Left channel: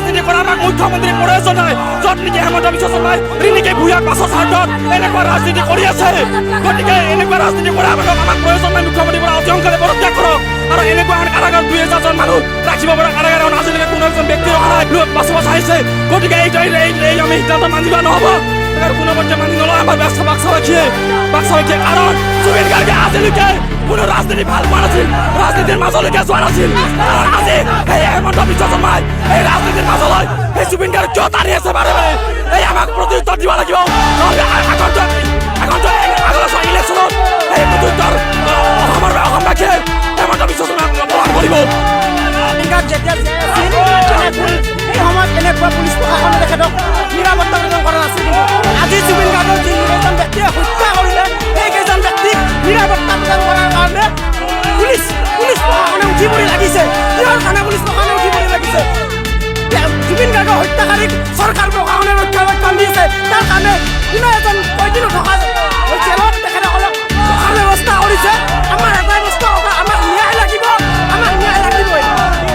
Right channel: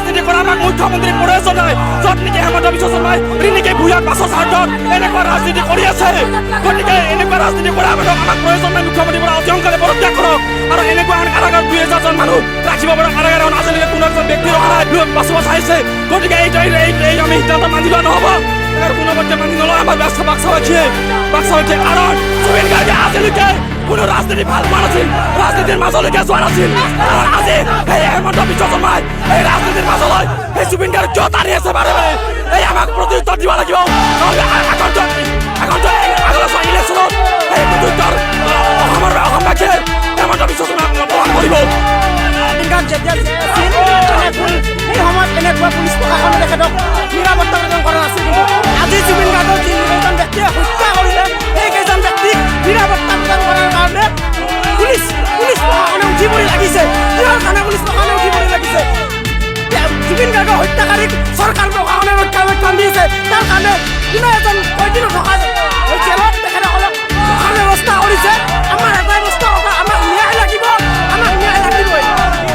ৰাজনীতি কৰা আমাক মুখ্যমন্ত্ৰী প্ৰয়োজন নাই য'ত নেকি হেমন্ত বিশ্ব শৰ্মাই ৰিণিকে ভূঞাক বাছৰ স্বাৰ্থত এনেকুৱা ৰাজনীতি কৰি আছে গতিকে এনেকুৱা ৰাজনীতি কৰা মানুহক আমাক প্ৰয়োজন নাই মুখ্যমন্ত্ৰীৰ পৰা অতি সোনকালে পদত্যাগ কৰক আৰু এনেকুৱা এখন কাৰাগাৰ 2000জন মানুহ ৰাখিব পৰা কাৰাগাৰ এখন আজিলৈকে কোনো এজন ব্যক্তি ৰখা নাই বাছব চাইছে গতিকে এই আমি সিদ্ধান্ত মানি লোৱা নহ'ব কোনো পধ্যে মানি নলয় আমাৰ বাক্সাবাসীয়ে কাৰণ জুবিন গাৰ্গে আজিলৈকে কোনো ৰাজনীতি ভাল পোৱা নাছিল ৰাজনীতিৰ মাজলৈকে যোৱা নাছিল আজি সেই হেমন্ত বিশ্ব শৰ্মাই এই ৰাজনীতিৰ মাজলৈ সেই জুবিন গাৰ্গ কিয় টানি আছে বাৰে বাৰে এই আমাক প্ৰত্যুত্তৰ দিব লাগিব নহ'লে আগন্তুক ইলেকশ্যনত সেই প্ৰত্যুত্তৰ অসমবাসীয়ে হেমন্ত বিশ্ব শৰ্মাক প্ৰদান কৰিব যেতিয়া জীয়াই আছিল সেই সময়ত এনেকুৱা পুলিচ প্ৰশাসনে তেখেতক নিৰাপত্তা প্ৰদান কৰা নাছিল কিন্তু আজি জুবিন গাৰ্গক যিকেইজন ব্যক্তিয়ে হত্যা কৰিলে সেইকেইজন ব্যক্তিক নিৰাপত্তা প্ৰদান কৰাৰ কাৰণে পুলিচ প্ৰশাসনে উঠি পৰি লাগিছে কিহৰ কাৰণে পুলিচ প্ৰশাসনে উঠি পৰি লাগিছে জুবিন গাৰ্গৰ হত্যাকাৰীক চৰকাৰ প্ৰশাসনে ৰক্ষণাবেক্ষণ দি আছে তাৰ কাৰণে কোনো এজন কয়দী নথকা জেলত তেখেতসকলক ৰখাৰ ব্যৱস্থা কৰিছে আমাৰ এটাই বস্তু আমাক ন্যায় লাগিবই